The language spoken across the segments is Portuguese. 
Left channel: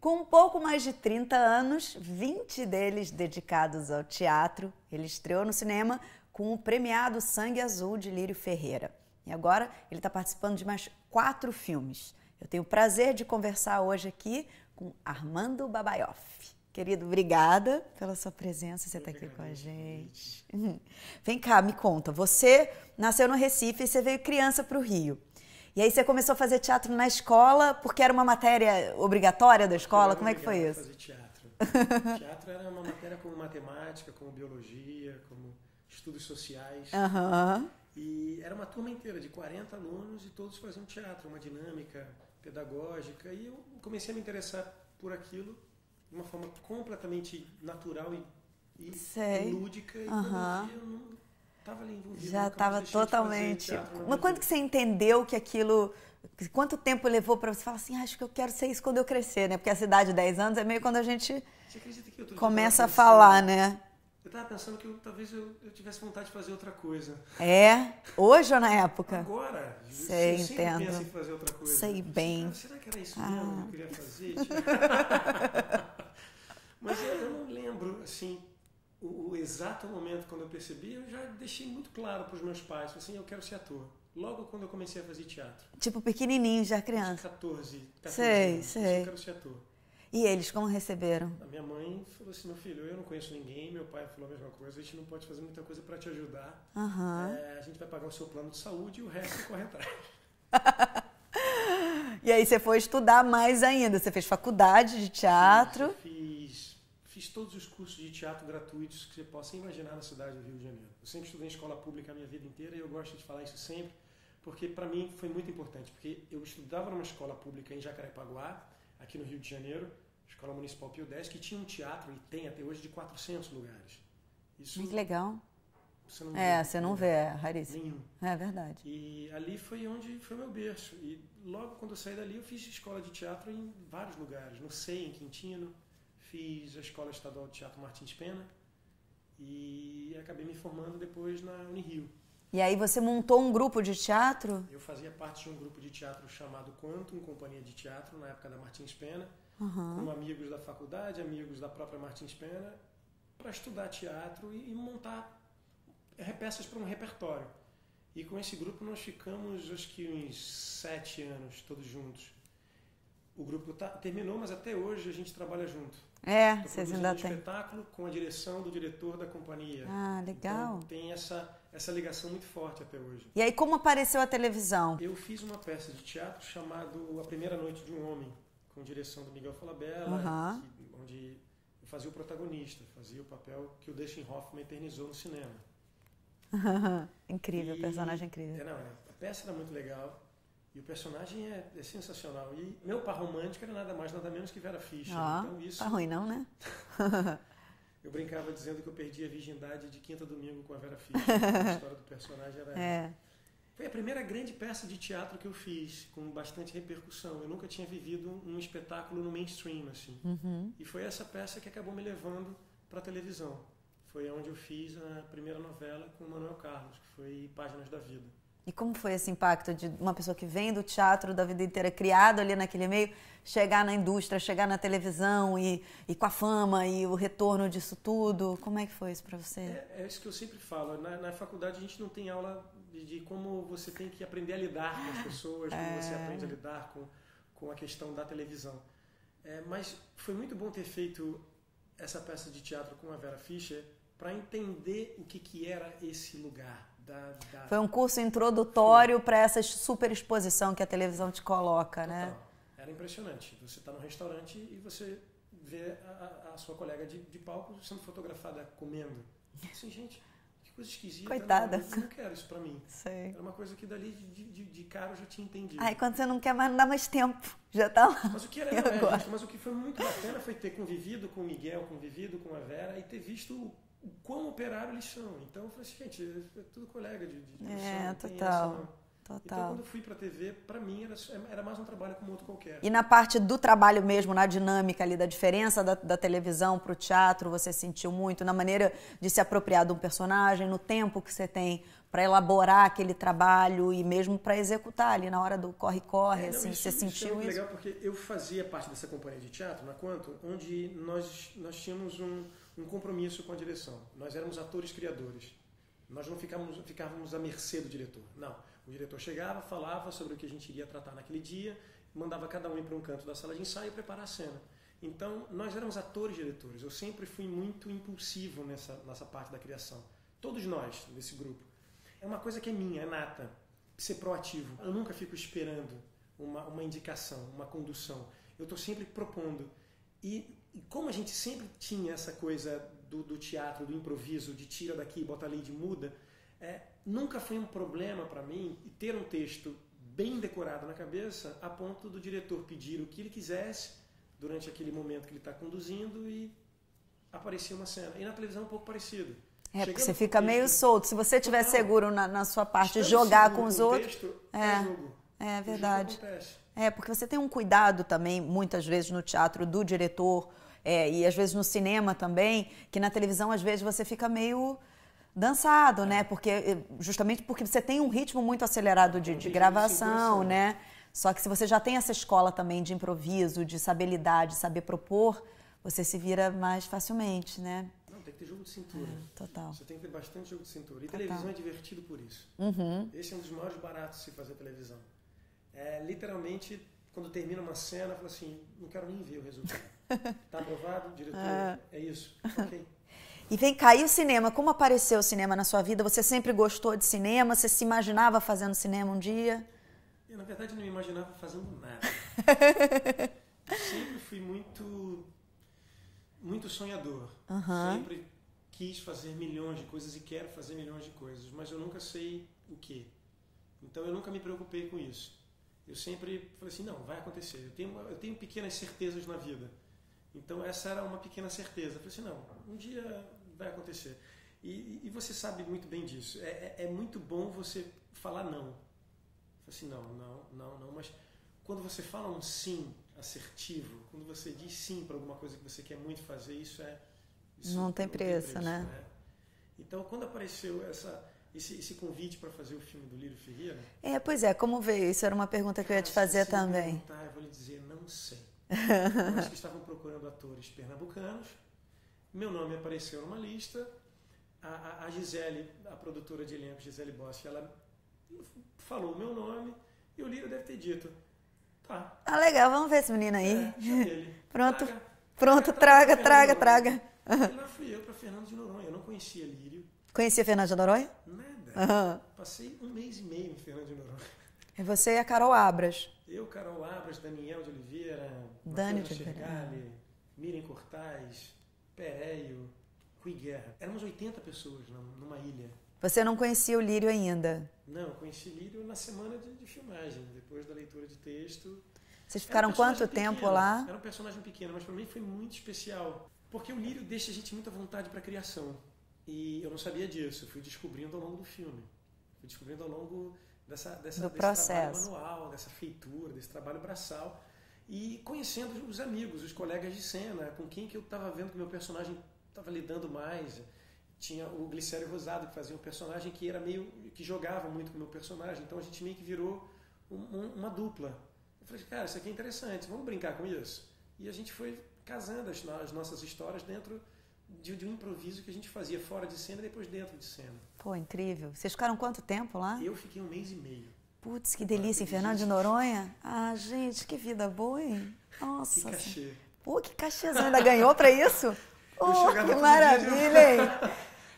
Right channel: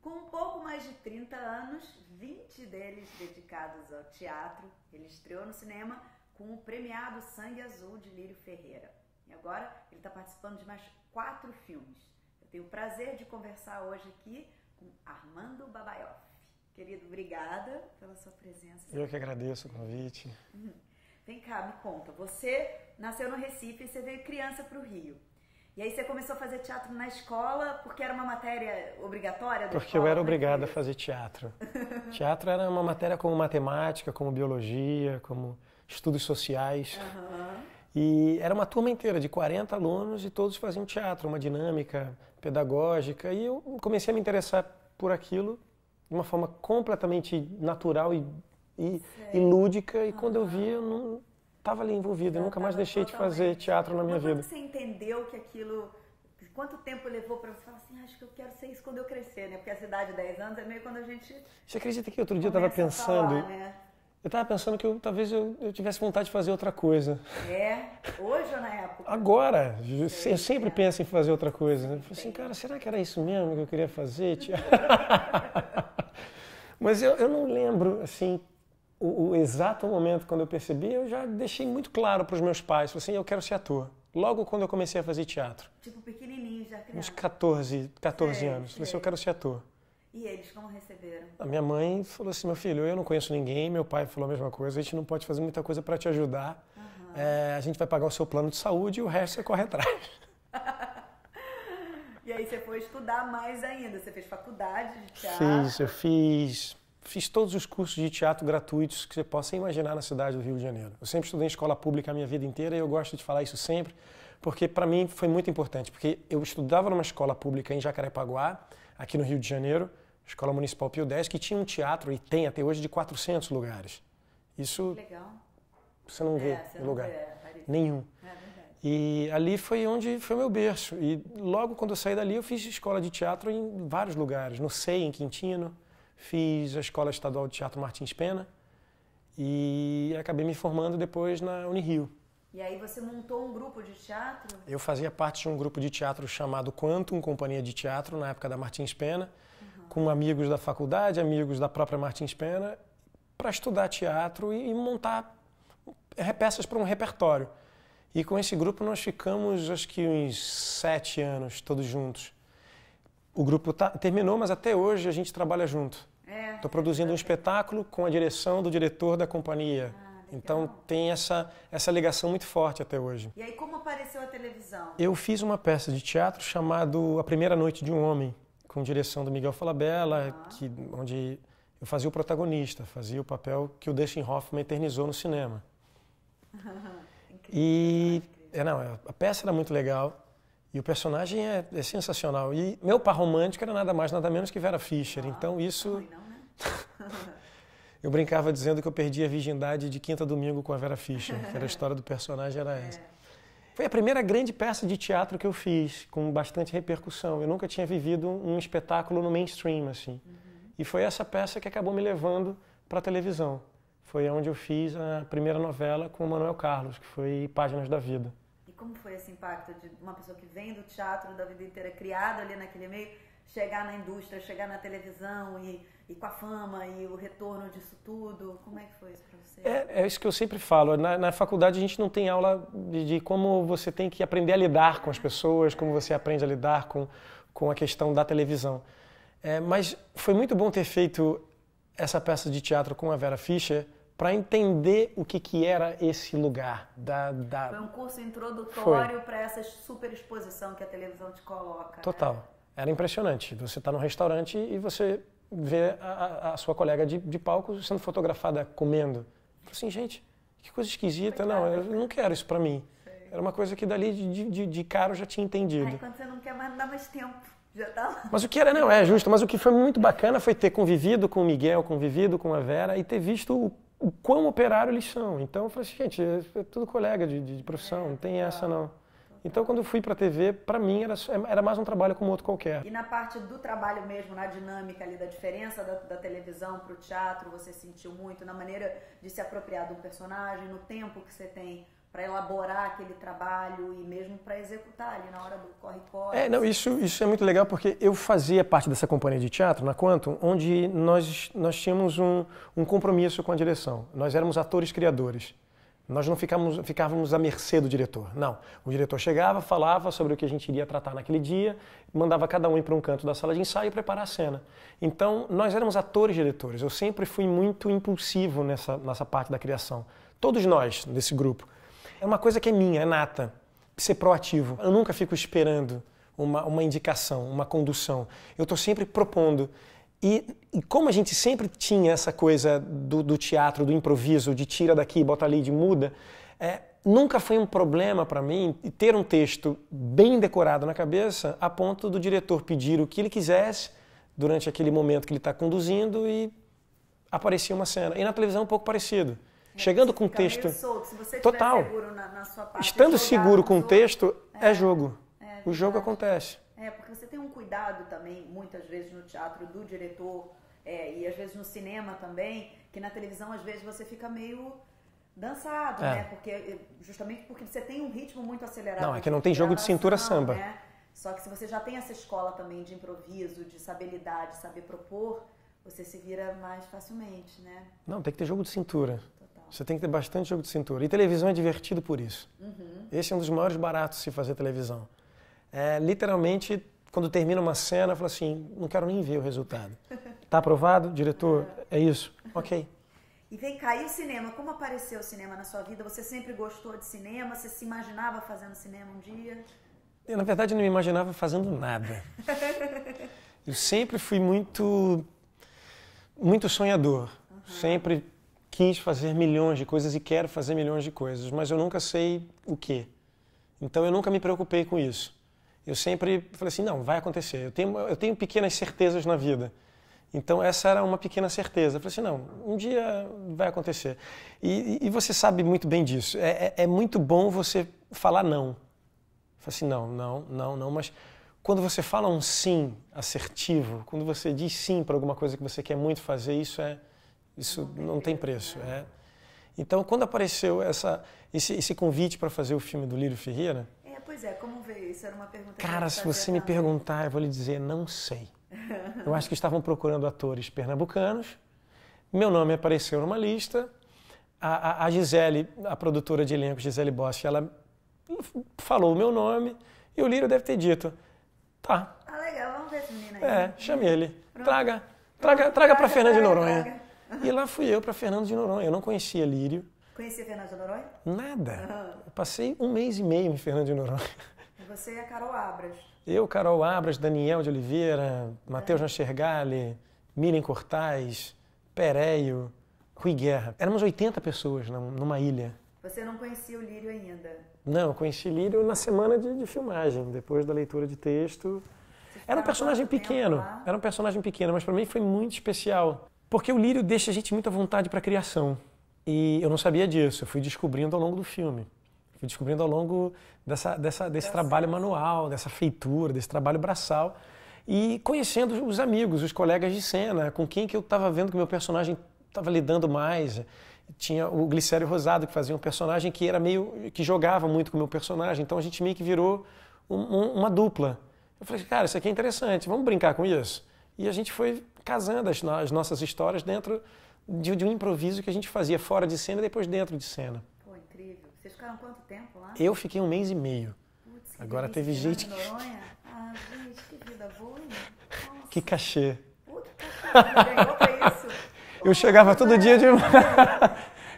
Com um pouco mais de 30 anos, 20 deles dedicados ao teatro, ele estreou no cinema com o premiado Sangue Azul de Lírio Ferreira. E agora ele está participando de mais 4 filmes. Eu tenho o prazer de conversar hoje aqui com Armando Babaioff. Querido, obrigada pela sua presença. Você Eu que agradeço o convite. Vem cá, me conta. Você nasceu no Recife e você veio criança para o Rio. E aí você começou a fazer teatro na escola porque era uma matéria obrigatória da escola? Eu era obrigado a fazer teatro. Teatro era uma matéria como matemática, como biologia, como estudos sociais. E era uma turma inteira de 40 alunos e todos faziam teatro, uma dinâmica pedagógica. E eu comecei a me interessar por aquilo de uma forma completamente natural e lúdica. E quando eu vi, eu não estava ali envolvido. Eu nunca mais deixei de fazer teatro na minha vida. Mas quando que você entendeu que aquilo... Quanto tempo levou para você falar assim, acho que eu quero ser isso quando eu crescer, né? Porque essa idade de 10 anos é meio quando a gente Você acredita que outro dia começa a falar, né? Eu estava pensando que talvez eu tivesse vontade de fazer outra coisa. É? Hoje ou na época? Agora. Eu sempre penso em fazer outra coisa. Sei bem. Assim, cara, será que era isso mesmo que eu queria fazer? Mas eu não lembro, assim, o exato momento quando eu percebi. Eu já deixei muito claro para os meus pais, assim, eu quero ser ator. Logo quando eu comecei a fazer teatro. Tipo pequenininho, já criança? Uns 14 anos. Eu quero ser ator. E eles como receberam? A minha mãe falou assim, meu filho, eu não conheço ninguém, meu pai falou a mesma coisa, a gente não pode fazer muita coisa para te ajudar, a gente vai pagar o seu plano de saúde e o resto você corre atrás. E aí você foi estudar mais ainda, você fez faculdade de teatro? Eu fiz todos os cursos de teatro gratuitos que você possa imaginar na cidade do Rio de Janeiro. Eu sempre estudei em escola pública a minha vida inteira e eu gosto de falar isso sempre, porque para mim foi muito importante, porque eu estudava numa escola pública em Jacarepaguá, aqui no Rio de Janeiro, Escola Municipal Pio X, que tinha um teatro, e tem até hoje, de 400 lugares. Isso que legal. Você não vê. Você não vê, é raríssimo. Nenhum. É verdade. E ali foi onde foi o meu berço. E logo quando eu saí dali, eu fiz escola de teatro em vários lugares. No SEI, em Quintino, fiz a Escola Estadual de Teatro Martins Pena e acabei me formando depois na Unirio. E aí você montou um grupo de teatro? Eu fazia parte de um grupo de teatro chamado Quantum, Companhia de Teatro, na época da Martins Pena, com amigos da faculdade, amigos da própria Martins Pena, para estudar teatro e montar peças para um repertório. E com esse grupo nós ficamos, acho que uns 7 anos, todos juntos. O grupo terminou, mas até hoje a gente trabalha junto. Estou produzindo um espetáculo com a direção do diretor da companhia. Legal. Então tem essa ligação muito forte até hoje. E aí como apareceu a televisão? Eu fiz uma peça de teatro chamado A Primeira Noite de um Homem, com direção do Miguel Falabella, onde eu fazia o protagonista, fazia o papel que o Dustin Hoffman eternizou no cinema. Incrível, personagem incrível. A peça era muito legal. E o personagem é sensacional. E meu par romântico era nada mais, nada menos que Vera Fischer. Então isso... Tá ruim não, né? Eu brincava dizendo que eu perdi a virgindade de quinta a domingo com a Vera Fischer. A história do personagem era essa. Foi a primeira grande peça de teatro que eu fiz, com bastante repercussão. Eu nunca tinha vivido um espetáculo no mainstream, assim. E foi essa peça que acabou me levando para a televisão. Foi onde eu fiz a primeira novela com o Manuel Carlos, que foi Páginas da Vida. E como foi esse impacto de uma pessoa que vem do teatro da vida inteira, criada ali naquele meio, chegar na indústria, chegar na televisão e com a fama e o retorno disso tudo? Como é que foi isso para você? É isso que eu sempre falo. Na faculdade a gente não tem aula de como você tem que aprender a lidar com as pessoas, como você aprende a lidar com a questão da televisão. Mas foi muito bom ter feito essa peça de teatro com a Vera Fischer, para entender o que era esse lugar. Foi um curso introdutório para essa super exposição que a televisão te coloca. Total. Né? Era impressionante. Você está num restaurante e você vê a sua colega de palco sendo fotografada comendo. Assim, gente, que coisa esquisita. Coitada. Não, eu não quero isso para mim. Sei. Era uma coisa que dali de cara eu já tinha entendido. Aí quando você não quer mais, não dá mais tempo. Já tá lá. Mas o que era, não, é justo, mas o que foi muito bacana foi ter convivido com o Miguel, convivido com a Vera e ter visto o quão operário eles são. Então eu falei assim, gente, é tudo colega de profissão, não tem essa não. Total. Então quando eu fui para a TV, para mim era mais um trabalho como outro qualquer. E na parte do trabalho mesmo, na dinâmica ali, da diferença da televisão para o teatro, você sentiu muito na maneira de se apropriar de um personagem, no tempo que você tem para elaborar aquele trabalho e mesmo para executar ali na hora do corre-corre. Isso é muito legal porque eu fazia parte dessa companhia de teatro, na Quantum, onde nós tínhamos um compromisso com a direção. Nós éramos atores criadores. Nós não ficávamos à mercê do diretor. Não. O diretor chegava, falava sobre o que a gente iria tratar naquele dia, mandava cada um ir para um canto da sala de ensaio e preparar a cena. Então, nós éramos atores-diretores. Eu sempre fui muito impulsivo nessa parte da criação. Todos nós, desse grupo. É uma coisa que é minha, é nata. Ser proativo. Eu nunca fico esperando uma indicação, uma condução. Eu estou sempre propondo. E como a gente sempre tinha essa coisa do teatro, do improviso, de tira daqui, bota ali, de muda, nunca foi um problema para mim ter um texto bem decorado na cabeça a ponto do diretor pedir o que ele quisesse durante aquele momento que ele está conduzindo e aparecia uma cena. E na televisão é um pouco parecido. Chegando com o texto meio solto. Se você estiver seguro na sua parte, estando jogar seguro com o texto, é jogo. O jogo acontece. Porque você tem um cuidado também, muitas vezes no teatro, do diretor, e às vezes no cinema também, que na televisão às vezes você fica meio dançado, né? Justamente porque você tem um ritmo muito acelerado não tem jogo de cintura samba. Né? Só que se você já tem essa escola também de improviso, de saber lidar, de saber propor, você se vira mais facilmente, né? Não, tem que ter jogo de cintura. Total. Você tem que ter bastante jogo de cintura. E televisão é divertido por isso. Esse é um dos maiores baratos de se fazer televisão. Literalmente, quando termina uma cena, eu falo assim, não quero nem ver o resultado. Tá aprovado, diretor? É isso? Ok. E vem cá, e o cinema? Como apareceu o cinema na sua vida? Você sempre gostou de cinema? Você se imaginava fazendo cinema um dia? Eu, na verdade, não me imaginava fazendo nada. Eu sempre fui muito sonhador. Sempre quis fazer milhões de coisas e quero fazer milhões de coisas, mas eu nunca sei o quê. Então eu nunca me preocupei com isso. Eu sempre falei assim, não, vai acontecer. Eu tenho pequenas certezas na vida. Então essa era uma pequena certeza. Eu falei assim, não, um dia vai acontecer. E você sabe muito bem disso. É muito bom você falar não. Eu falei assim, não, mas quando você fala um sim assertivo, quando você diz sim para alguma coisa que você quer muito fazer, isso não tem preço. Né? Então, quando apareceu esse convite para fazer o filme do Lírio Ferreira... Pois é, como veio? Isso era uma pergunta que eu ia te fazer também. Se você me perguntar, eu vou lhe dizer, não sei. Eu acho que estavam procurando atores pernambucanos, meu nome apareceu numa lista, a Gisele, a produtora de elenco, Gisele Boschi, ela falou o meu nome e o Lírio deve ter dito, tá. Ah, legal, vamos ver esse menino aí. Chame ele. Traga para Fernando de Noronha. traga. E lá fui eu para Fernando de Noronha. Eu não conhecia Lírio. Conhecia Fernando de Noronha? Nada. Eu passei 1 mês e meio em Fernando de Noronha. E você e a Carol Abras? Eu, Carol Abras, Daniel de Oliveira, Matheus Nachergali, Miriam Cortaz, Pereio, Rui Guerra. Éramos 80 pessoas numa ilha. Você não conhecia o Lírio ainda? Não, eu conheci Lírio na semana de filmagem, depois da leitura de texto. Vocês ficaram quanto tempo lá? Era um personagem pequeno, mas para mim foi muito especial. Porque o Lírio deixa a gente muito à vontade para a criação. E eu não sabia disso, eu fui descobrindo ao longo do filme. Fui descobrindo ao longo desse trabalho manual, dessa feitura, desse trabalho braçal. E conhecendo os amigos, os colegas de cena, com quem que eu estava vendo que o meu personagem estava lidando mais. Tinha o Glicério Rosado, que fazia um personagem que era que jogava muito com o meu personagem. Então a gente meio que virou uma dupla. Eu falei, cara, isso aqui é interessante, vamos brincar com isso? E a gente foi casando as nossas histórias dentro de um improviso que a gente fazia fora de cena e depois dentro de cena. Pô, incrível. Vocês ficaram quanto tempo lá? Eu fiquei 1 mês e meio. Putz, que delícia, Fernando de Noronha. Ah, gente, que vida boa, hein? Nossa. Que cachê. Pô, que cachê, você ainda ganhou pra isso? Eu chegava todo dia de manhã.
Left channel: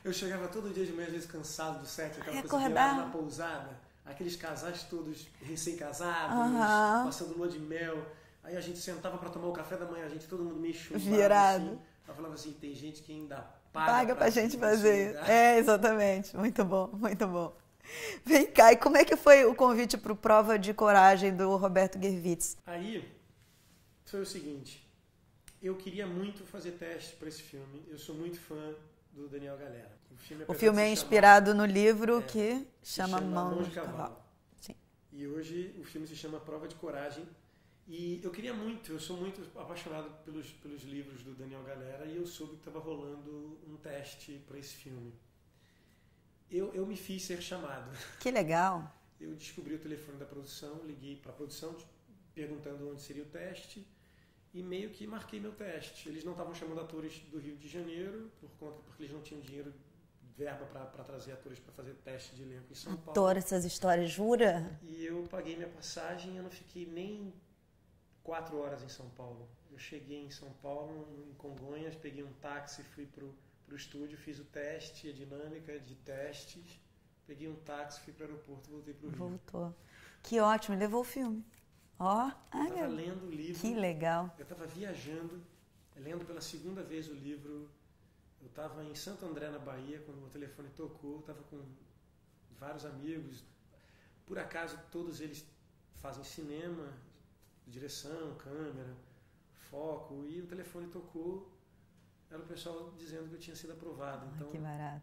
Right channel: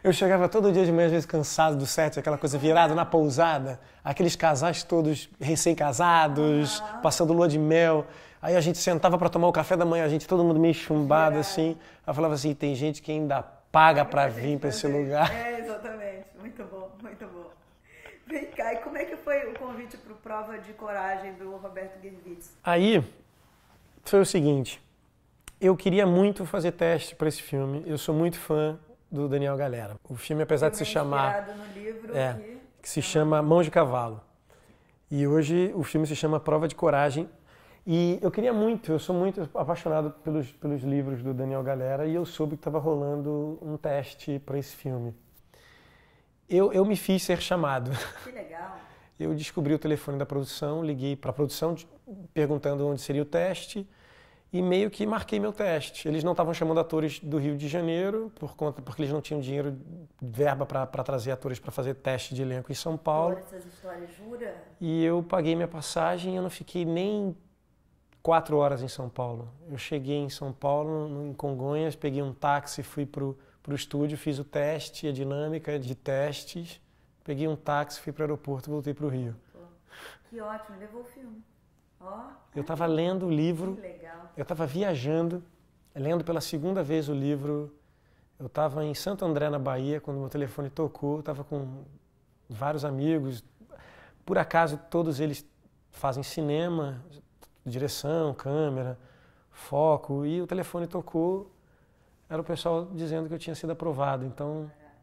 Eu chegava todo dia de manhã, às vezes cansado do set, aquela coisa virada na pousada. Aqueles casais todos recém-casados, passando lua de mel. Aí a gente sentava para tomar o café da manhã, todo mundo meio chumbado assim. Ela falava assim, tem gente que ainda paga para vir para esse lugar. Exatamente. Muito bom, muito bom. Vem cá, e como é que foi o convite para o Prova de Coragem do Roberto Gervitz? Aí foi o seguinte, eu queria muito fazer teste para esse filme. Eu sou muito fã do Daniel Galera. O filme, apesar de se chamar... inspirado no livro que se chama Mãos de Cavalo. Sim. E hoje o filme se chama Prova de Coragem. E eu queria muito, eu sou muito apaixonado pelos livros do Daniel Galera e eu soube que estava rolando um teste para esse filme. Eu me fiz ser chamado. Que legal. Eu descobri o telefone da produção, liguei para a produção perguntando onde seria o teste e meio que marquei meu teste. Eles não estavam chamando atores do Rio de Janeiro porque eles não tinham dinheiro, verba para trazer atores para fazer teste de elenco em São Paulo. Adoro essas histórias, jura? E eu paguei minha passagem e eu não fiquei nem 4 horas em São Paulo. Eu cheguei em São Paulo, em Congonhas, peguei um táxi, fui pro estúdio, fiz o teste, a dinâmica de testes, peguei um táxi, fui para o aeroporto e voltei para o Rio. Voltou. Que ótimo, levou o filme. Ó. Eu estava lendo o livro. Que legal. Eu estava viajando, lendo pela segunda vez o livro. Eu estava em Santo André, na Bahia, quando meu telefone tocou. Estava com vários amigos. Por acaso, todos eles fazem cinema, direção, câmera, foco. E o telefone tocou. Era o pessoal dizendo que eu tinha sido aprovado. Então, que barato.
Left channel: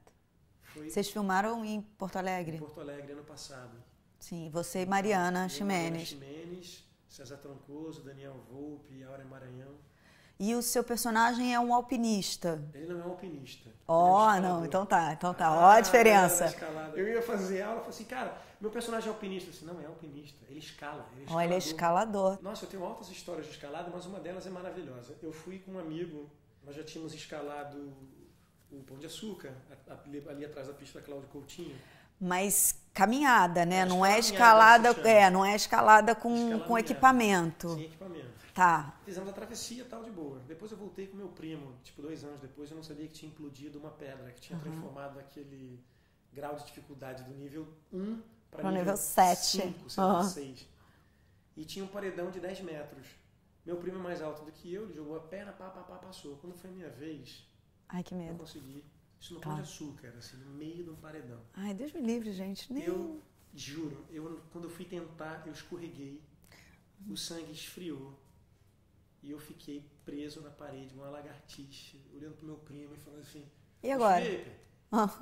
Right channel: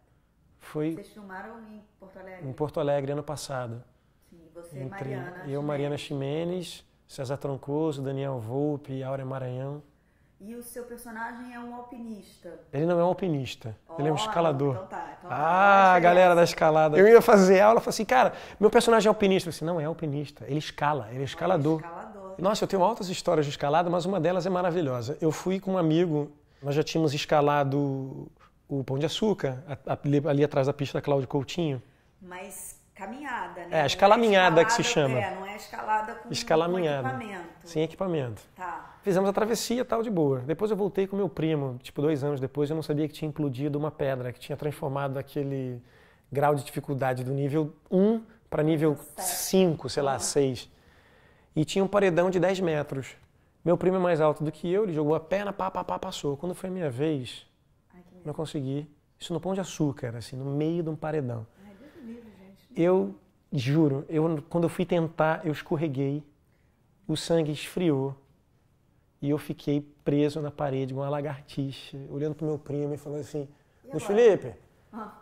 foi Vocês filmaram em Porto Alegre? em Porto Alegre, ano passado. Sim, você e Então, Mariana Ximenes. Mariana Ximenes, César Troncoso, Daniel Volpe, Áurea Maranhão. E o seu personagem é um alpinista. Ele não é um alpinista, ele é um escalador. Não, então tá. Ó Ah, a diferença. a galera da escalada. Eu ia fazer aula, falei assim, cara, meu personagem é alpinista. Eu disse, não é alpinista, ele escala, ele é escalador. Ele é escalador. Nossa, eu tenho altas histórias de escalada, mas uma delas é maravilhosa. Eu fui com um amigo, nós já tínhamos escalado o Pão de Açúcar, ali atrás da pista da Cláudio Coutinho. Mas caminhada, né? É, a escalaminhada que se chama. Não é escalada com equipamento. Sem equipamento. Tá. Fizemos a travessia, tal, de boa. Depois eu voltei com meu primo, tipo 2 anos depois, eu não sabia que tinha implodido uma pedra, que tinha transformado aquele grau de dificuldade do nível 1 para nível 5, sei lá, 6. E tinha um paredão de 10 metros. Meu primo é mais alto do que eu, ele jogou a perna, passou. Quando foi a minha vez, Ai, que medo. não consegui. Isso no Pão de Açúcar, assim, no meio de um paredão. Ai, Deus me livre, gente. Eu juro, quando eu fui tentar, eu escorreguei, o sangue esfriou e eu fiquei preso na parede com uma lagartixa, olhando pro meu primo e falando assim, E ô agora? Felipe,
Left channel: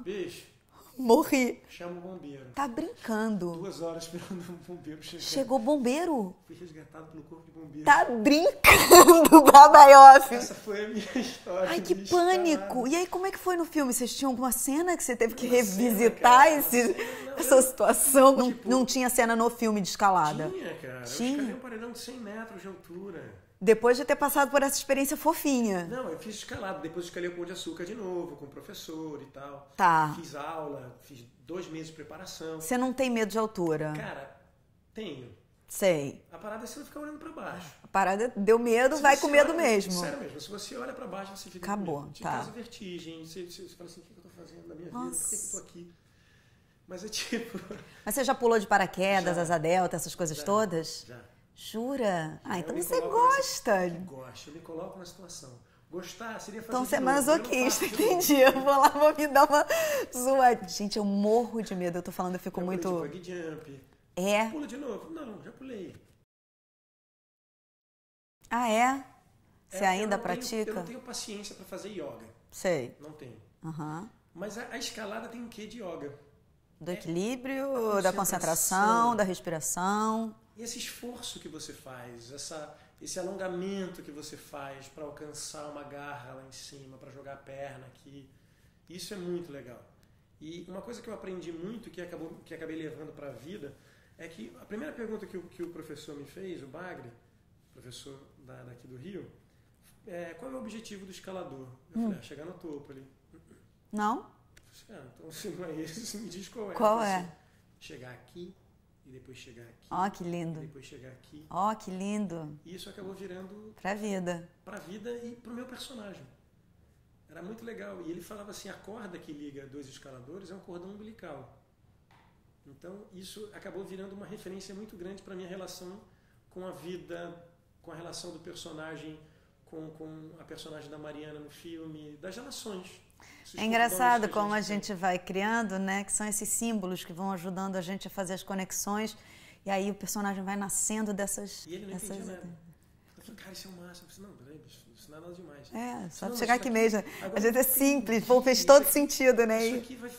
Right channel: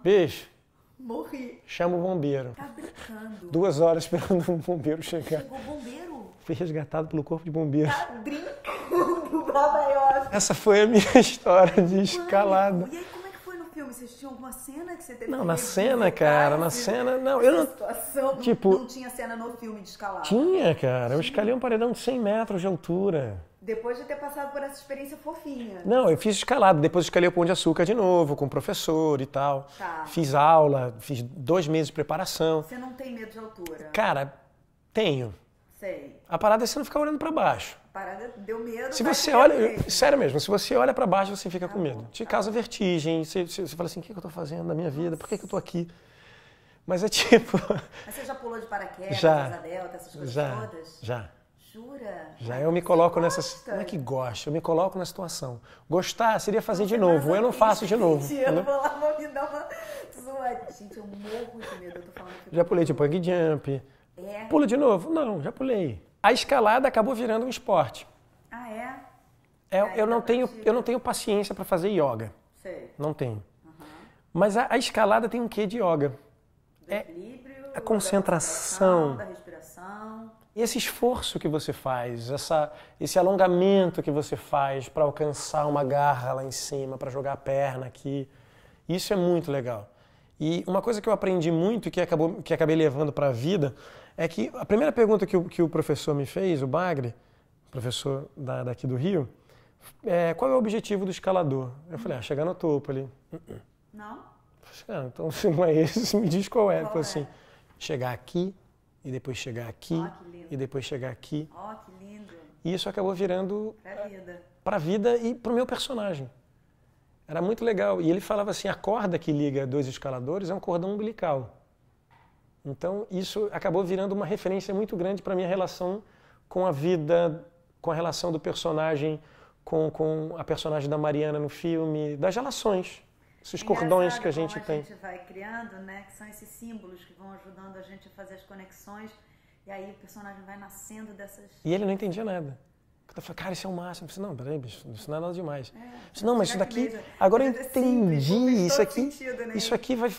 bicho, Morri. chama o bombeiro. Tá brincando. 2 horas esperando um bombeiro chegar. Chegou bombeiro. Fui resgatado pelo corpo de bombeiro. Tá brincando, Babaioff. Essa foi a minha história Ai, de que escalada. pânico. E aí, como é que foi no filme? Vocês tinham alguma cena que você teve Não, que na revisitar cena, cara, na esse, cena, não, essa situação? tipo, não tinha cena no filme de escalada? Tinha, cara. Eu Tinha. escalei um paredão de 100 metros de altura. Depois de ter passado por essa experiência fofinha. Não, eu fiz escalada, depois escalei o Pão de Açúcar de novo, com o professor e tal. Tá. Fiz aula, fiz 2 meses de preparação. Você não tem medo de altura? Cara, tenho. Sei. A parada é você não ficar olhando pra baixo. A parada deu medo, Se vai você com medo olha, mesmo. sério mesmo, se você olha pra baixo, você fica Acabou, com medo. Te tá. causa vertigem, você fala assim, o que eu tô fazendo na minha vida? Por que eu tô aqui? Mas é tipo... Mas você já pulou de paraquedas, Já. asa delta, essas coisas Já, todas? Já. Jura? Já. Ah, Eu então me você coloco gosta. nessa... Que gosto, eu me coloco na situação. Gostar seria fazer Então, de você é novo, eu não masoquista, faço de novo. entendi. Eu entendeu? vou lá, vou me dar uma zoada. Gente, eu morro de medo. Eu tô falando, eu fico Já pulei muito... de bug jump. É? Pula de novo? Não, já pulei. A escalada acabou virando um esporte. Ah, é? Você Eu ainda não pratica? tenho paciência para fazer yoga. Sei. Não tenho. Aham. Mas a escalada tem um quê de yoga? Do equilíbrio, a da concentração. concentração, da respiração. E esse esforço que você faz, esse alongamento que você faz para alcançar uma garra lá em cima, para jogar a perna aqui, isso é muito legal. E uma coisa que eu aprendi muito e que acabei levando para a vida é que a primeira pergunta que o professor me fez, o Bagre, professor daqui do Rio, é qual é o objetivo do escalador? Eu falei, chegar no topo ali. Não? Eu falei, então se não é esse, me diz qual é. Qual Eu falei é? assim, chegar aqui, e depois chegar aqui, Ó, que lindo. e depois chegar aqui. Ó, que lindo. E isso acabou virando Pra vida. para a vida e para o meu personagem. Era muito legal. E ele falava assim, a corda que liga 2 escaladores é um cordão umbilical. Então, isso acabou virando uma referência muito grande para a minha relação com a vida, com a relação do personagem, com a personagem da Mariana no filme, das relações. Esses É cordões engraçado que a como gente a tem. gente vai criando, né? Que são esses símbolos que vão ajudando a gente a fazer as conexões. E aí o personagem vai nascendo dessas... E ele não dessas- entendia nada. Eu falei, cara, isso é o máximo. Eu falei, não, peraí, bicho, isso não é nada demais. É, Disse, só não, mas chegar isso aqui daqui, mesmo. agora Às eu vezes é simples, entendi, fez isso todo aqui- sentido, né? Isso aqui vai...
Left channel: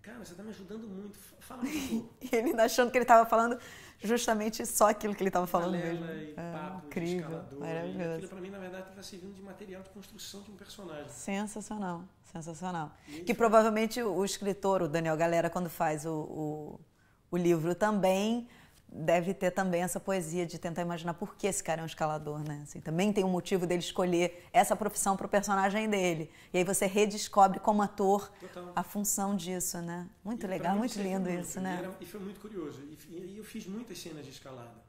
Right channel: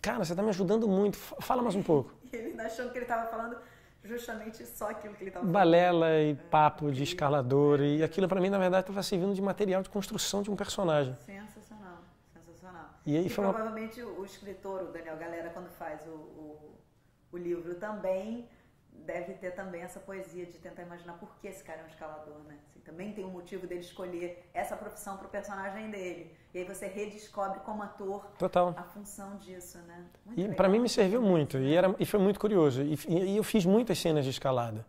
Cara, você está me ajudando muito. Fala mais um pouco. E ele achando que ele estava falando justamente só aquilo que ele estava falando. Balela e papo de incrível, escalador. E maravilhoso. aquilo, para mim, na verdade, estava servindo de material de construção de um personagem. Sensacional. Sensacional. E provavelmente o escritor, o Daniel Galera, quando faz o livro também, deve ter também essa poesia de tentar imaginar por que esse cara é um escalador, né? Assim, também tem um motivo dele escolher essa profissão pro personagem dele. E aí você redescobre como ator a função disso, né? Muito legal. Para mim me serviu muito, isso, né? e foi muito curioso. E eu fiz muitas cenas de escalada.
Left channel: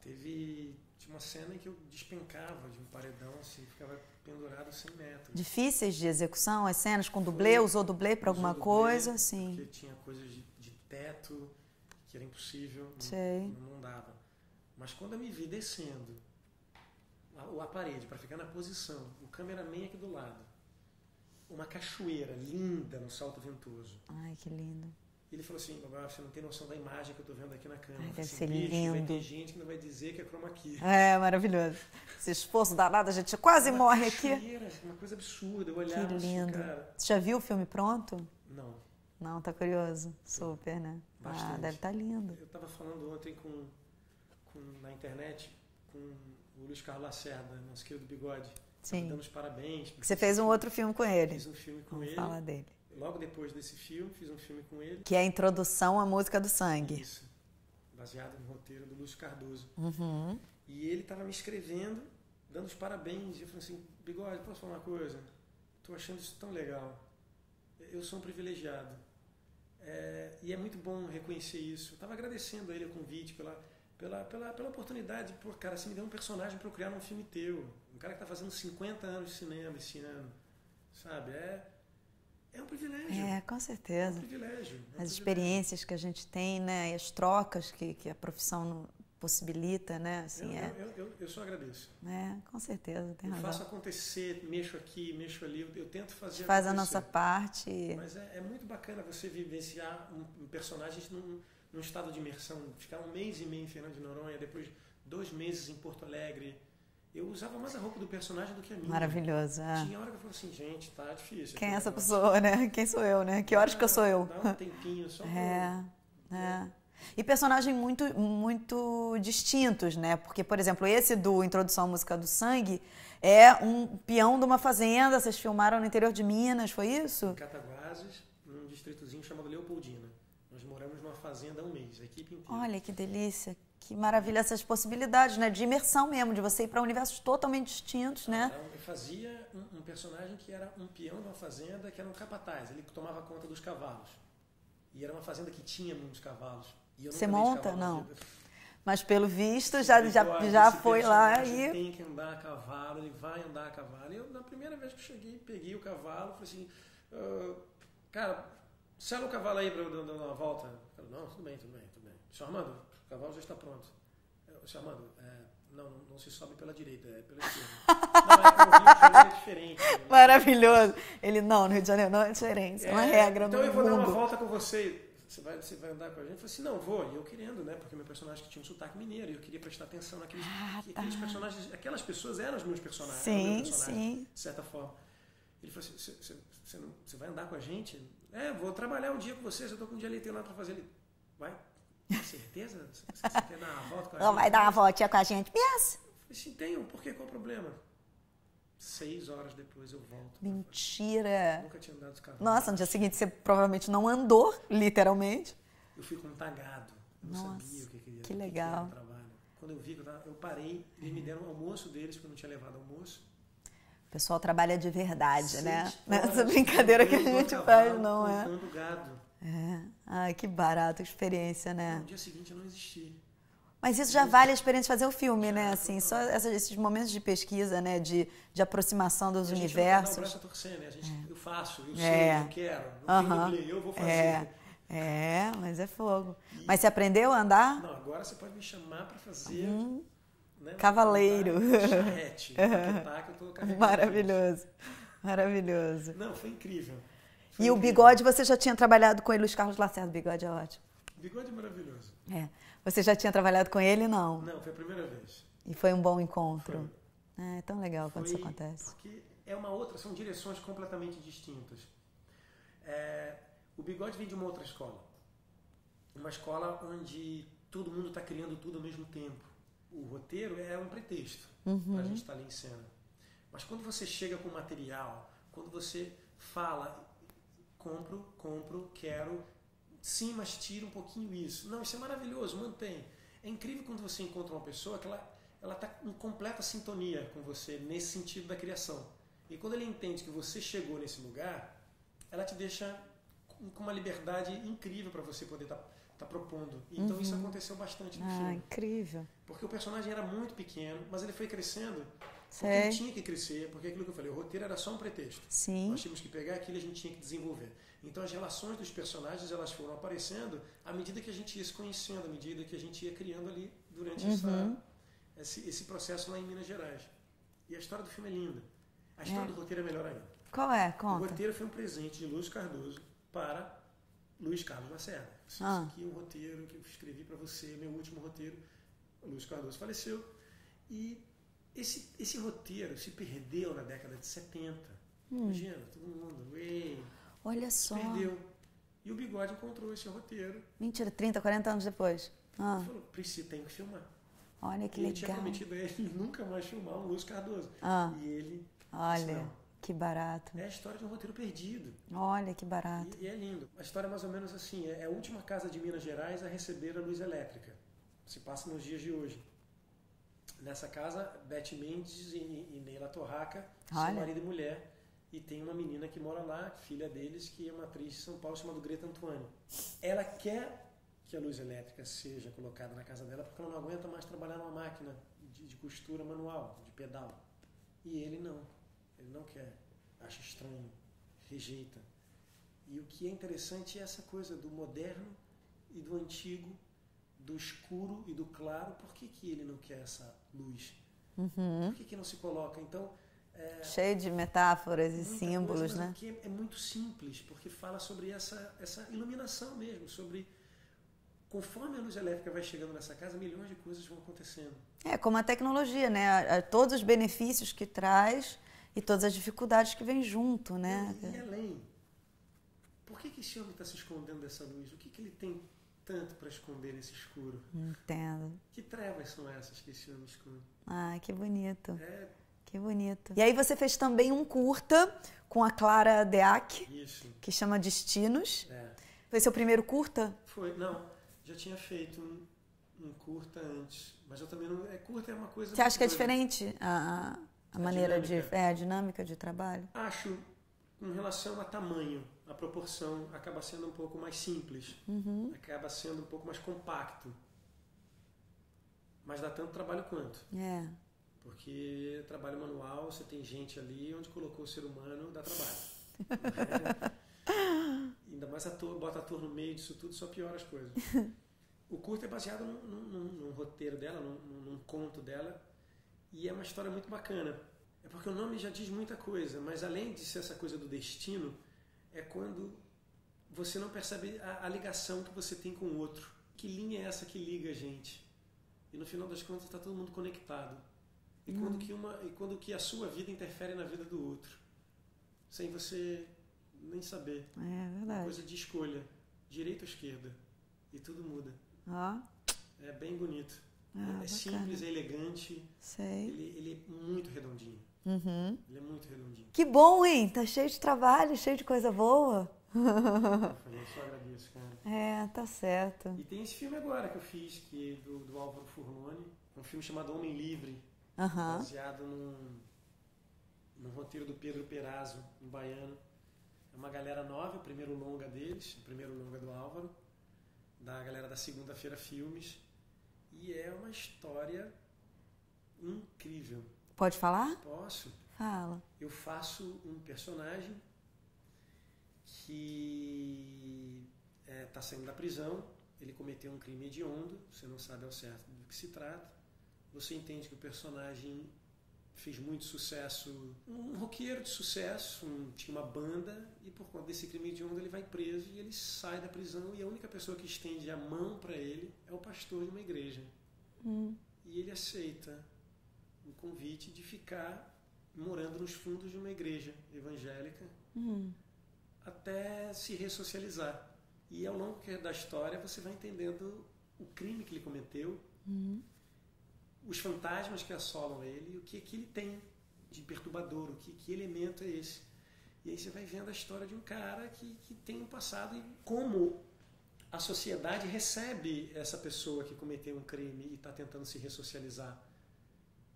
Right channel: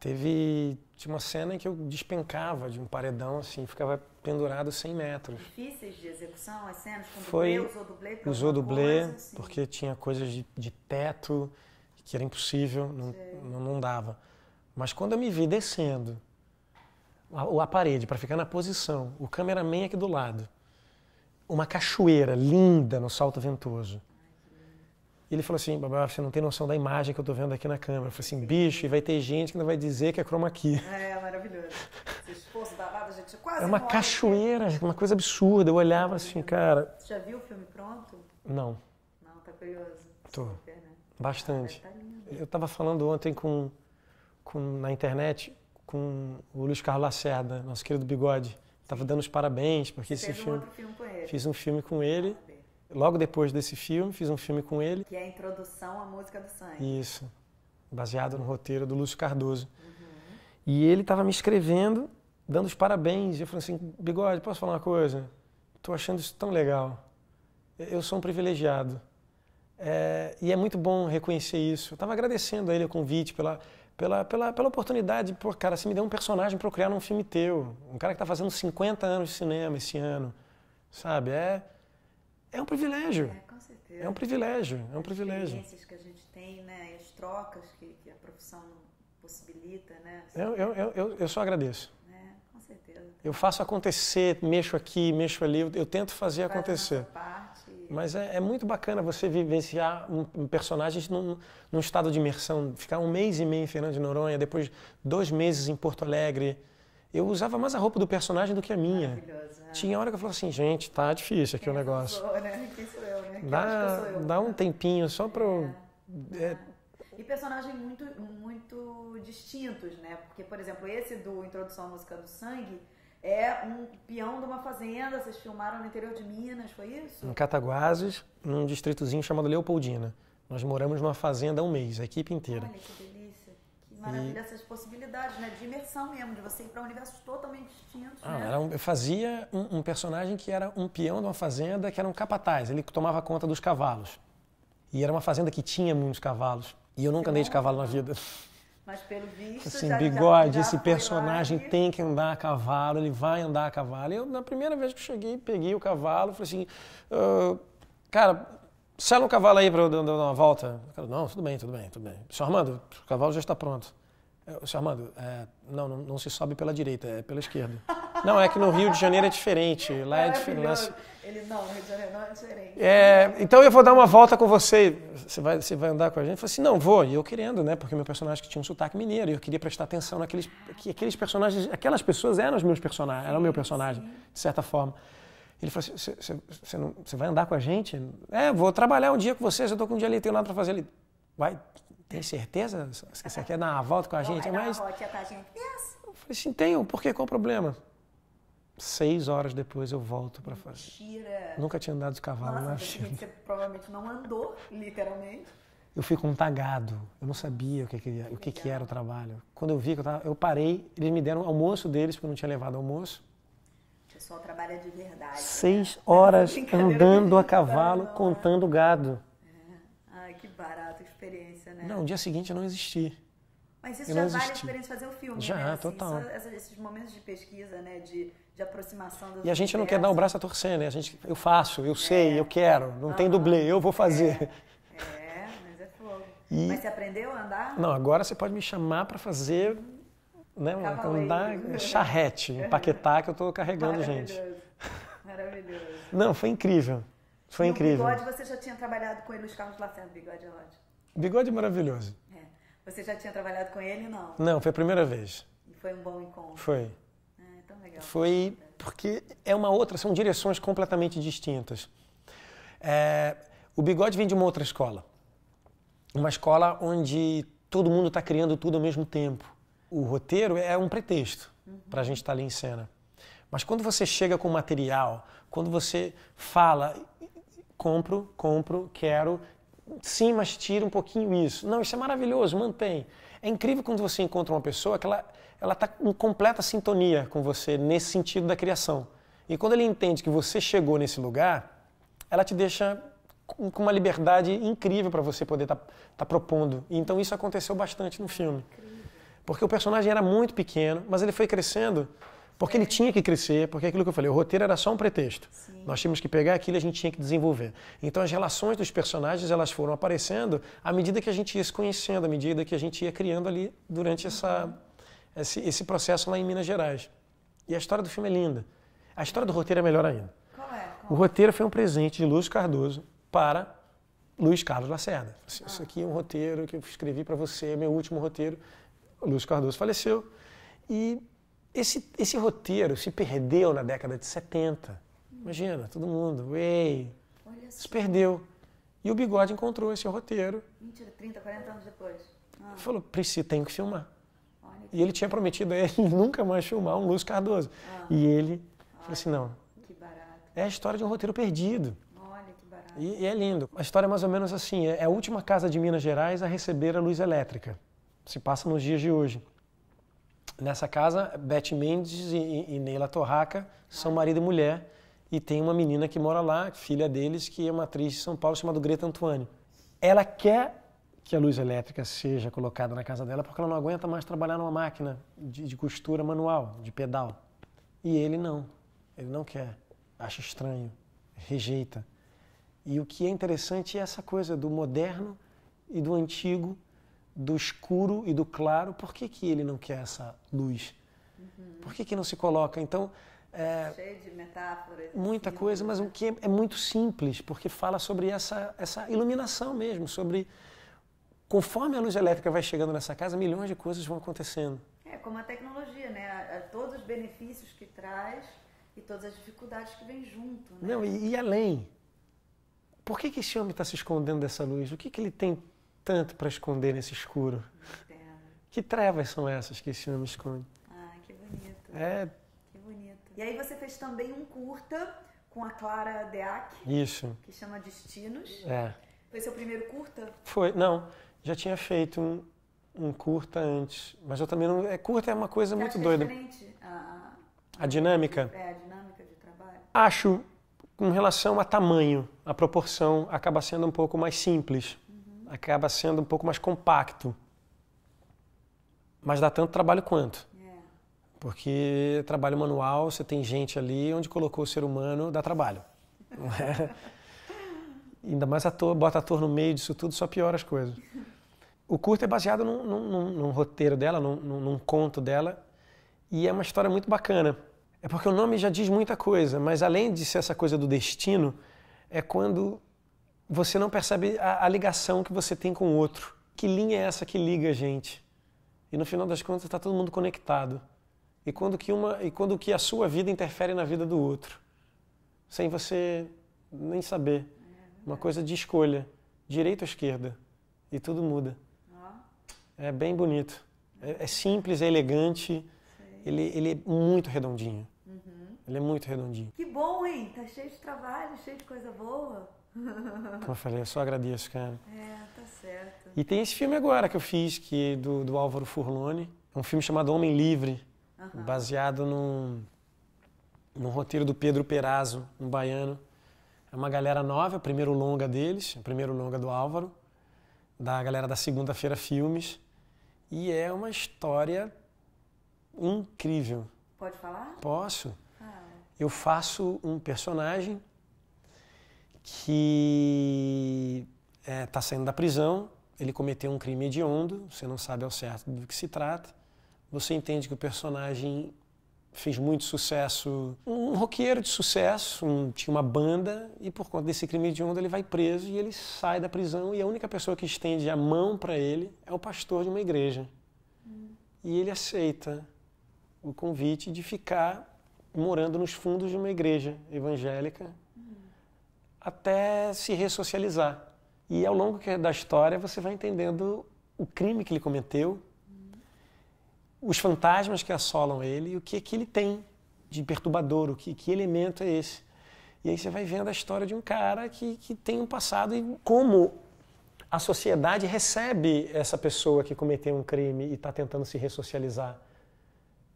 Tinha uma cena em que eu despencava de um paredão, assim, ficava pendurado 100 metros. Difíceis de execução, as cenas com dublê? Usou dublê para alguma coisa? Sim. Porque tinha coisas de teto que era impossível, não dava. Mas quando eu me vi descendo a parede para ficar na posição, o cameraman aqui do lado, uma cachoeira linda no Salto Ventoso. Ai, que lindo. Ele falou assim, Babá, você não tem noção da imagem que eu tô vendo aqui na câmera. Eu falei assim, bicho, vai ter gente que não vai dizer que é chroma key. É, maravilhoso. Esse esforço danado, a gente quase morre aqui. Uma cachoeira, uma coisa absurda. Eu olhava assim, cara... Você já viu o filme pronto? Não. Não, tá curioso. Super, né? Bastante. Deve estar lindo. Eu tava falando ontem na internet com o Luiz Carlos Lacerda, nosso querido Bigode. Tava dando os parabéns. Você fez um outro filme com ele. Fiz um filme com ele. Fala dele. Logo depois desse filme, fiz um filme com ele. Que é a introdução à Música do Sangue. Isso. Baseado no roteiro do Lúcio Cardoso. E ele estava me escrevendo, dando os parabéns. E eu falei assim, Bigode, posso falar uma coisa? Estou achando isso tão legal. Eu sou um privilegiado. E é muito bom reconhecer isso. Eu estava agradecendo a ele o convite pela oportunidade. Pô, cara, você me deu um personagem para eu criar num filme teu. Um cara que está fazendo 50 anos de cinema esse ano. Sabe? É um privilégio. Com certeza. É um privilégio. As experiências que a gente tem, né? E as trocas que a profissão possibilita, né? Assim, eu só agradeço. Com certeza. Eu faço acontecer, mexo aqui, mexo ali, eu tento fazer acontecer. Faz a nossa parte. Mas é muito bacana você vivenciar um personagem num estado de imersão, ficar 1 mês e meio em Fernando de Noronha, depois 2 meses em Porto Alegre. Eu usava mais a roupa do personagem do que a minha. Maravilhoso. Tinha hora que eu falava assim, gente, tá difícil aqui o negócio. Quem é essa pessoa, né? Quem sou eu, né? Que horas que eu sou eu? Dá um tempinho só pra... E personagens muito distintos, né? Porque, por exemplo, esse do Introdução à Música do Sangue é um peão de uma fazenda, vocês filmaram no interior de Minas, foi isso? Em Cataguases, num distritozinho chamado Leopoldina. Nós moramos numa fazenda há 1 mês, a equipe inteira. Olha, que delícia. Que maravilha essas possibilidades, né? De imersão mesmo, de você ir para universos totalmente distintos, né? Eu fazia um personagem que era um peão de uma fazenda que era um capataz. Ele tomava conta dos cavalos. E era uma fazenda que tinha muitos cavalos. E eu nunca andei de cavalo na vida. Mas pelo visto assim, já esse foi personagem lá e... tem que andar a cavalo, ele vai andar a cavalo. E eu, na primeira vez que eu cheguei, peguei o cavalo, falei assim, cara, sela um cavalo aí para eu dar uma volta. Cara, não, tudo bem. Senhor Armando, o cavalo já está pronto. Senhor Armando, não se sobe pela direita, é pela esquerda. Não, é que no Rio de Janeiro é diferente. Lá maravilhoso. Ele, no Rio de Janeiro não é diferente. Então eu vou dar uma volta com você. Você vai andar com a gente? Eu falei assim, não, vou. E eu querendo, né? Porque meu personagem tinha um sotaque mineiro e eu queria prestar atenção naqueles aqueles personagens. Aquelas pessoas eram os meus personagens, era o meu personagem, de certa forma. Ele falou assim, você vai andar com a gente? Vou trabalhar um dia com você, já estou com um dia ali, tenho nada para fazer ali. Vai, tem certeza? Você quer dar uma volta com a gente? Vai dar uma voltinha com a gente? Yes. Eu falei assim, tenho, por quê? Qual o problema? 6 horas depois eu volto para fazer. Mentira! Nunca tinha andado de cavalo. Nossa, no dia seguinte você provavelmente não andou, literalmente. Eu fui com um tagado. Eu não sabia o que era o trabalho. Quando eu vi que eu parei, eles me deram o almoço deles, porque eu não tinha levado almoço. O pessoal trabalha de verdade, 6 horas andando a cavalo, contando gado. Ai, que barato, experiência, né? Não, no dia seguinte eu não existi. Mas isso já vale a experiência de fazer o filme, já, né? Assim, total. só esses momentos de pesquisa, né? De aproximação dos universos. E a gente não quer dar o braço a torcer, né? Eu faço, eu sei, eu quero. Não tem dublê, eu vou fazer. Mas é fogo. Mas você aprendeu a andar? Não, agora você pode me chamar para fazer... Né, cavaleiro. Charrete, empaquetar que eu estou carregando. Maravilhoso, maravilhoso. Não, foi incrível. Foi incrível. O Bigode, você já tinha trabalhado com ele, Luiz Carlos Lacerda, o Bigode é ótimo. Bigode é maravilhoso. Você já tinha trabalhado com ele, não? Não, foi a primeira vez. E foi um bom encontro? Foi. É tão legal foi que isso acontece. Porque são direções completamente distintas. O Bigode vem de uma outra escola. Uma escola onde todo mundo está criando tudo ao mesmo tempo. O roteiro é um pretexto para a gente estar ali em cena. Mas quando você chega com material, Quando você fala, compro, quero, sim, mas tira um pouquinho isso. Não, isso é maravilhoso, mantém. É incrível quando você encontra uma pessoa que ela está em completa sintonia com você nesse sentido da criação. E quando ele entende que você chegou nesse lugar, ela te deixa com uma liberdade incrível para você poder estar propondo. E então isso aconteceu bastante no filme. Incrível. Porque o personagem era muito pequeno, mas ele foi crescendo porque ele tinha que crescer, porque aquilo que eu falei, o roteiro era só um pretexto. Sim. Nós tínhamos que pegar aquilo e a gente tinha que desenvolver. Então as relações dos personagens, elas foram aparecendo à medida que a gente ia se conhecendo, à medida que a gente ia criando ali durante esse processo lá em Minas Gerais. E a história do filme é linda. A história do roteiro é melhor ainda. Qual é? O roteiro foi um presente de Lúcio Cardoso para Luiz Carlos Lacerda. Isso aqui é um roteiro que eu escrevi para você, meu último roteiro. O Lúcio Cardoso faleceu. E esse roteiro se perdeu na década de 70. Imagina, todo mundo, olha se só. perdeu. E o Bigode encontrou esse roteiro. Mentira, 30, 40 anos depois. Falou, Priscila, tem que filmar. Olha que E ele tinha prometido a ele nunca mais filmar um Lúcio Cardoso. E ele disse não. Que barato. É a história de um roteiro perdido. Olha que barato. E é lindo. A história é mais ou menos assim, é a última casa de Minas Gerais a receber a luz elétrica. Se passa nos dias de hoje. Nessa casa, Beth Mendes e Neila Torraca são marido e mulher. E tem uma menina que mora lá, filha deles, que é uma atriz de São Paulo chamada Greta Antoine. Ela quer que a luz elétrica seja colocada na casa dela porque ela não aguenta mais trabalhar numa máquina de costura manual, de pedal. E ele não. Ele não quer. Acha estranho. Rejeita. E o que é interessante é essa coisa do moderno e do antigo, do escuro e do claro. Por que ele não quer essa luz? Por que não se coloca? Então, cheio de metáforas e muita símbolos, coisa, mas o que é muito simples, porque fala sobre essa iluminação mesmo, sobre conforme a luz elétrica vai chegando nessa casa, milhões de coisas vão acontecendo. É como a tecnologia, né? Todos os benefícios que traz e todas as dificuldades que vêm junto, né? Não, e além, por que esse homem está se escondendo dessa luz? O que ele tem tanto para esconder nesse escuro? Entendo. Que trevas são essas que esse homem esconde? Que bonito. Que bonito. E aí você fez também um curta com a Clara Deac. Isso. Que chama Destinos. Foi seu primeiro curta? Foi, não. Já tinha feito um curta antes, mas eu também não... Curta é uma coisa muito doida. Você acha que é diferente a dinâmica? A dinâmica de trabalho? Acho, com relação a tamanho, a proporção acaba sendo um pouco mais simples, acaba sendo um pouco mais compacto, mas dá tanto trabalho quanto. Porque trabalho manual, você tem gente ali, onde colocou o ser humano, dá trabalho. Ainda mais bota ator no meio disso tudo, só piora as coisas. O curto é baseado num roteiro dela, num conto dela, e é uma história muito bacana. É porque o nome já diz muita coisa, mas além de ser essa coisa do destino, é quando você não percebe a ligação que você tem com o outro. Que linha é essa que liga a gente? E no final das contas está todo mundo conectado. E quando que a sua vida interfere na vida do outro, sem você nem saber. Uma coisa de escolha, direita ou esquerda, e tudo muda. É bem bonito. É simples, é elegante. Ele é muito redondinho. Ele é muito redondinho. Que bom, hein? Tá cheio de trabalho, cheio de coisa boa. Como eu falei, eu só agradeço, cara. Tá certo. E tem esse filme agora que eu fiz, do Álvaro Furlone. É um filme chamado Homem Livre, baseado num roteiro do Pedro Perazzo, um baiano. É uma galera nova, é o primeiro longa deles, o primeiro longa do Álvaro, da galera da Segunda-feira Filmes. E é uma história incrível. Pode falar? Posso. Fala. Eu faço um personagem que está saindo da prisão, ele cometeu um crime hediondo, você não sabe ao certo do que se trata. Você entende que o personagem fez muito sucesso, um roqueiro de sucesso, tinha uma banda, e por conta desse crime hediondo ele vai preso e ele sai da prisão, e a única pessoa que estende a mão para ele é o pastor de uma igreja. E ele aceita o convite de ficar morando nos fundos de uma igreja evangélica até se ressocializar. E ao longo da história você vai entendendo o crime que ele cometeu, os fantasmas que assolam ele e o que ele tem de perturbador, que elemento é esse. E aí você vai vendo a história de um cara que tem um passado e como a sociedade recebe essa pessoa que cometeu um crime e está tentando se ressocializar.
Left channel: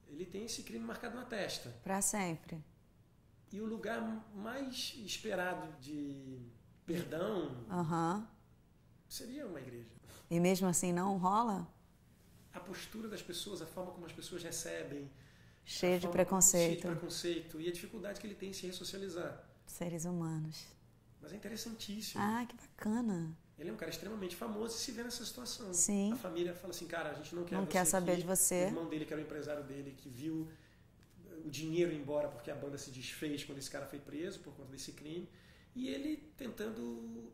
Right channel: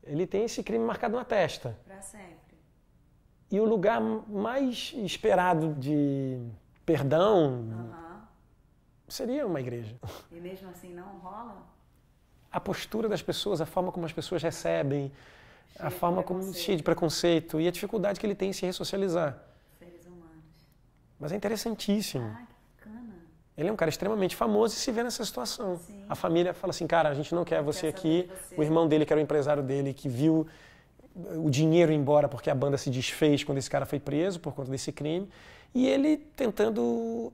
Ele tem esse crime marcado na testa. Para sempre. E o lugar mais esperado de perdão seria uma igreja. E mesmo assim não rola? A postura das pessoas, a forma como as pessoas recebem, Cheia de preconceito e a dificuldade que ele tem em se ressocializar. Seres humanos. Mas é interessantíssimo. Ah, que bacana. Ele é um cara extremamente famoso e se vê nessa situação. Sim. A família fala assim, cara, a gente não quer você aqui. Você. O irmão dele, que era o empresário dele, que viu o dinheiro ir embora porque a banda se desfez quando esse cara foi preso por conta desse crime. E ele tentando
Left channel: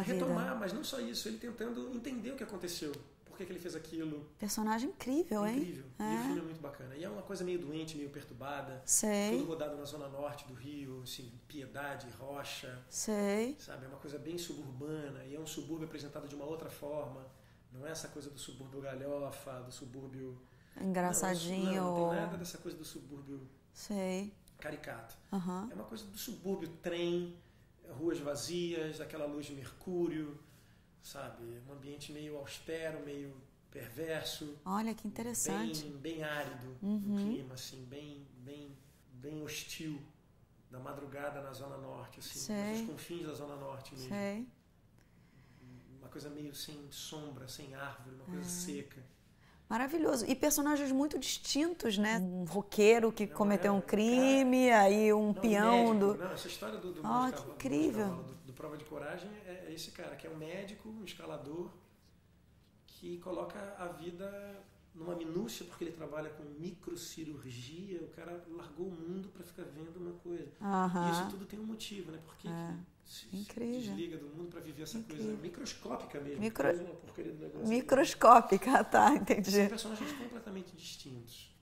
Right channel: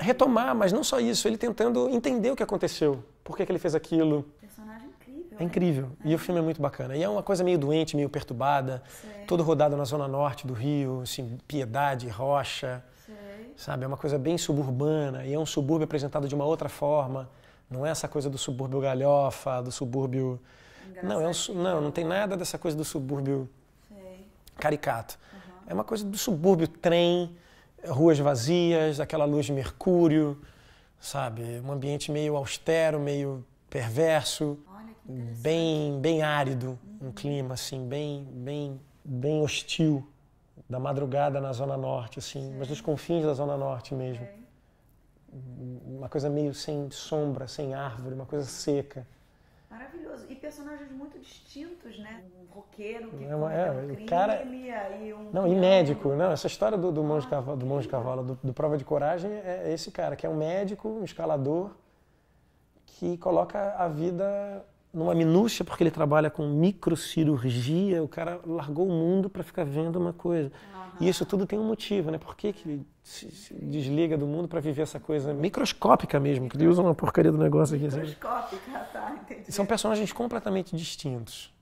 retomar, mas não só isso, ele tentando entender o que aconteceu, por que ele fez aquilo. Personagem incrível, hein? Incrível. E o filme é muito bacana. E é uma coisa meio doente, meio perturbada. Sei. Todo rodado na zona norte do Rio, assim, Piedade, Rocha. Sei. Sabe, é uma coisa bem suburbana. E é um subúrbio apresentado de uma outra forma. Não é essa coisa do subúrbio galhofa, do subúrbio... Engraçadinho. Não tem nada dessa coisa do subúrbio caricato. É uma coisa do subúrbio, trem, ruas vazias, aquela luz de mercúrio, sabe? Um ambiente meio austero, meio perverso. Olha que interessante. Bem árido, um clima assim, bem hostil, da madrugada na Zona Norte, assim, mas nos confins da Zona Norte mesmo. Sei. Uma coisa meio sem sombra, sem árvore, uma coisa seca. Maravilhoso. E personagens muito distintos, né? Um roqueiro que cometeu um crime, aí um peão... E médico, não, essa história do Monge Cavalo, do Prova de Coragem, é esse cara, que é um médico, um escalador, que coloca a vida numa minúcia, porque ele trabalha com microcirurgia, o cara largou o mundo para ficar vendo uma coisa. E isso tudo tem um motivo, né? Por que se desliga do mundo para viver essa coisa microscópica mesmo, que Deus é uma porcaria do negócio. Microscópica, tá, entendi. São personagens completamente distintos.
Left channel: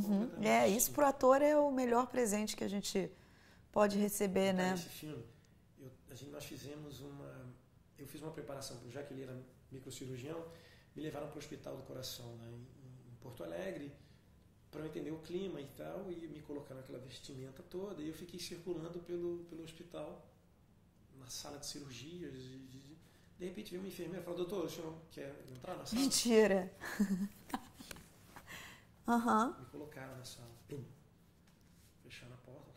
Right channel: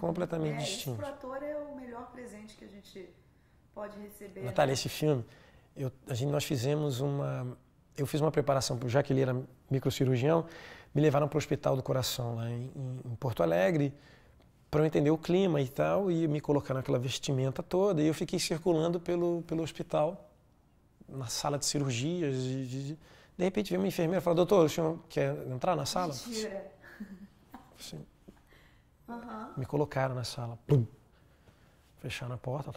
Completamente distintos. Isso pro ator é o melhor presente que a gente pode receber, Natália, né? esse filme, nós fizemos eu fiz uma preparação, já que ele era microcirurgião, me levaram para o Hospital do Coração, lá em Porto Alegre, para eu entender o clima e tal, e me colocaram naquela vestimenta toda, e eu fiquei circulando pelo hospital, na sala de cirurgias, de repente veio uma enfermeira e falou, doutor, o senhor quer entrar na sala? Mentira! Assim, me colocaram na sala, pum, fecharam a porta,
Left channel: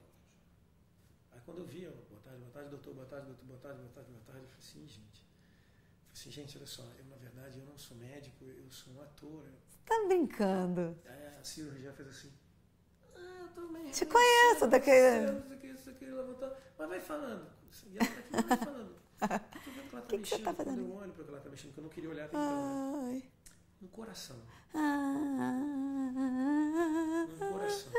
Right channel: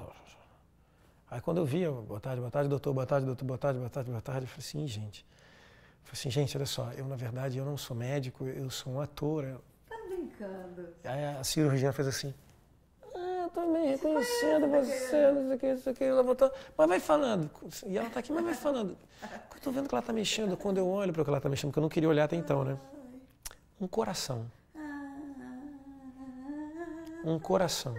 aí quando eu vi, boa tarde, doutor, boa tarde, doutor, boa tarde, boa tarde, boa tarde, eu falei assim, gente, olha só, eu na verdade eu não sou médico, eu sou um ator. Tá brincando? Aí a cirurgiã fez assim, eu também te conheço daqui, ela botou, mas vai falando, e ela tá aqui, mas vai falando. Eu tô vendo que ela tá mexendo, quando eu olho para o que ela tá mexendo, porque eu não queria olhar até então, né? Um coração. Um coração.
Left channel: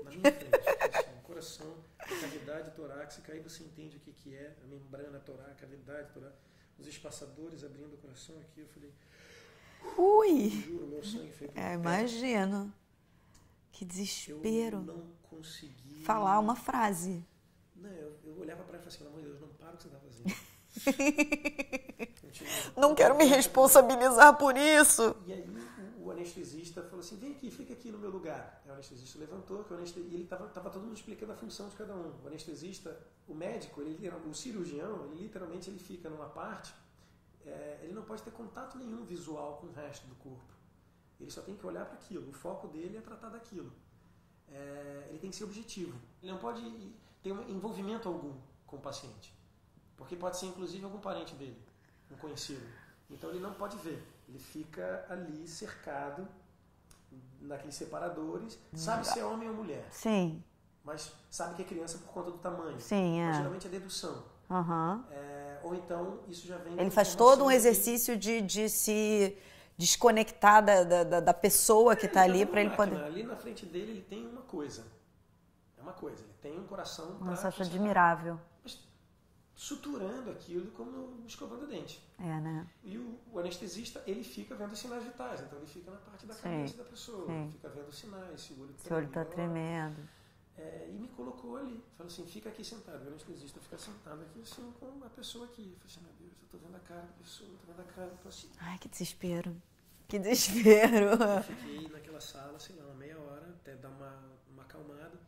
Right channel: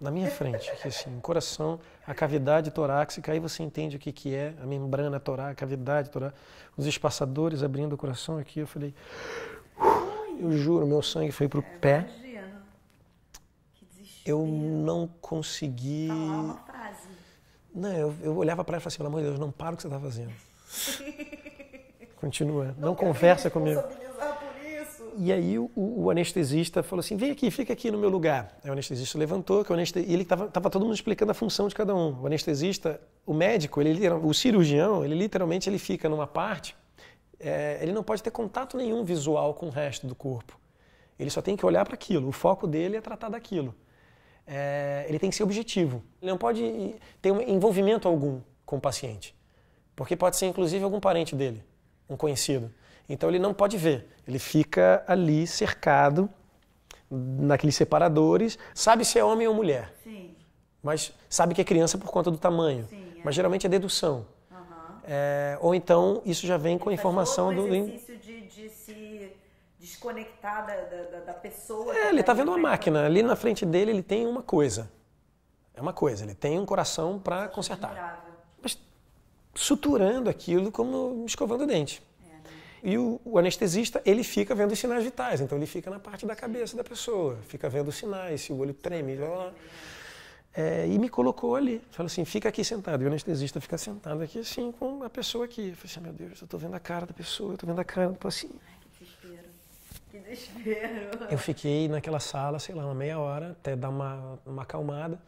Na minha frente, aqui assim, um coração, a cavidade torácica, aí você entende o que é a membrana torácica, a cavidade torácica, os espaçadores abrindo o coração aqui, eu falei, eu juro, meu sangue foi pro pé. Imagino. Que desespero. Eu não consegui... falar uma frase. Não, eu olhava para ela e falava assim, pelo amor de Deus, não para o que você está fazendo. Continua. Não quero me responsabilizar por isso. E aí o anestesista falou assim, vem aqui, fica aqui no meu lugar. Aí o anestesista levantou, e ele estava todo mundo explicando a função de cada um. O anestesista, o médico, o cirurgião, ele literalmente fica numa parte, ele não pode ter contato nenhum visual com o resto do corpo. Ele só tem que olhar para aquilo, o foco dele é tratar daquilo. Ele tem que ser objetivo. Ele não pode ter um envolvimento algum com o paciente. Porque pode ser, inclusive, algum parente dele, um conhecido. Então, ele não pode ver. Ele fica ali, cercado, naqueles separadores. Sabe se é homem ou mulher. Sim. Mas sabe que é criança por conta do tamanho. Sim, Mas, geralmente, é dedução. Uhum. Ou então, isso já vem com informação... Ele faz todo um exercício de se desconectar da pessoa que está ali. Ele está vendo uma máquina. Ali na frente dele, ele tem uma coisa. É uma coisa. Ele tem um coração para consertar. Admirável. Mas suturando aquilo como escovando o dente. Né? E o anestesista, ele fica vendo os sinais vitais, então ele fica na parte da cabeça da pessoa, fica vendo os sinais, se o olho treme. E me colocou ali, falou assim, fica aqui sentado. E o anestesista fica sentado aqui assim, com a pessoa aqui. Eu falei assim, meu Deus, eu estou vendo a cara da pessoa, eu estou vendo a cara do paciente. Ai, que desespero. Que desespero. Eu fiquei naquela sala, sei lá, uma meia hora, até dar uma acalmada.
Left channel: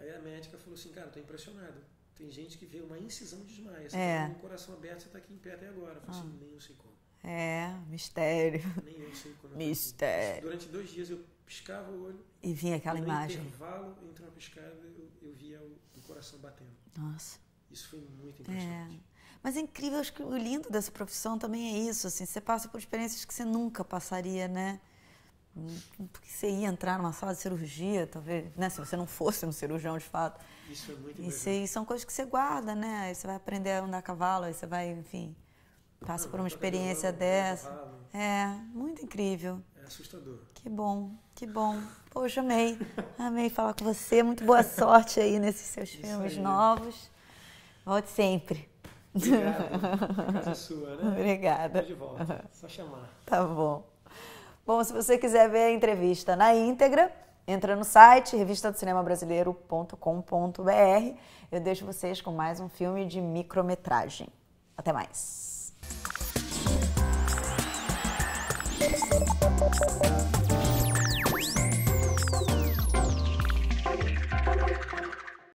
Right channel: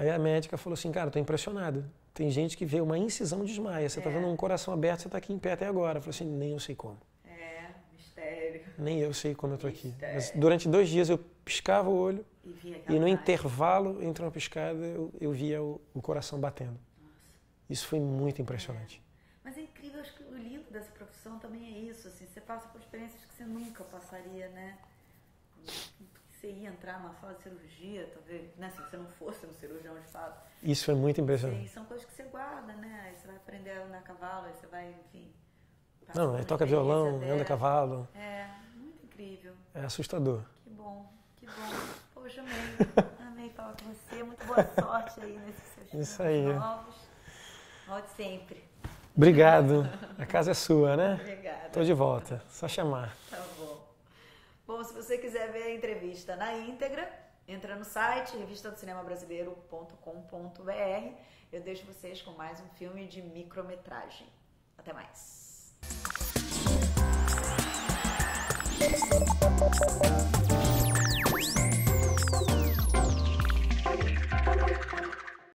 Aí a médica falou assim, cara, eu tô impressionado. Tem gente que vê uma incisão e desmaia. Você tá vendo um coração aberto, você tá aqui em pé até agora. Eu falei assim, nem eu sei como. Mistério. Nem eu sei como eu tô Mistério. aqui. Mas durante 2 dias eu piscava o olho E vinha aquela e no imagem. intervalo entre uma piscada eu via o coração batendo. Nossa. Isso foi muito impressionante. Mas é incrível, acho que o lindo dessa profissão também é isso, assim, você passa por experiências que você nunca passaria, né? Porque você ia entrar numa sala de cirurgia, talvez, né? Se você não fosse um cirurgião de fato. Isso foi muito impressionante. E são coisas que você guarda, né? Aí você vai aprender a andar a cavalo, aí você vai, enfim, passa por uma toca experiência violão, anda dessa. a cavalo. Muito incrível. É assustador. Que bom, que bom. Poxa, amei. Amei falar com você. Muito boa sorte aí nesses seus filmes novos. Volte sempre. Obrigado. A casa é sua, né? Obrigada. Tô de volta. Só chamar. Tá bom. Bom, se você quiser ver a entrevista na íntegra, entra no site revistadocinemabrasileiro.com.br. Eu deixo vocês com mais um filme de micrometragem. Até mais.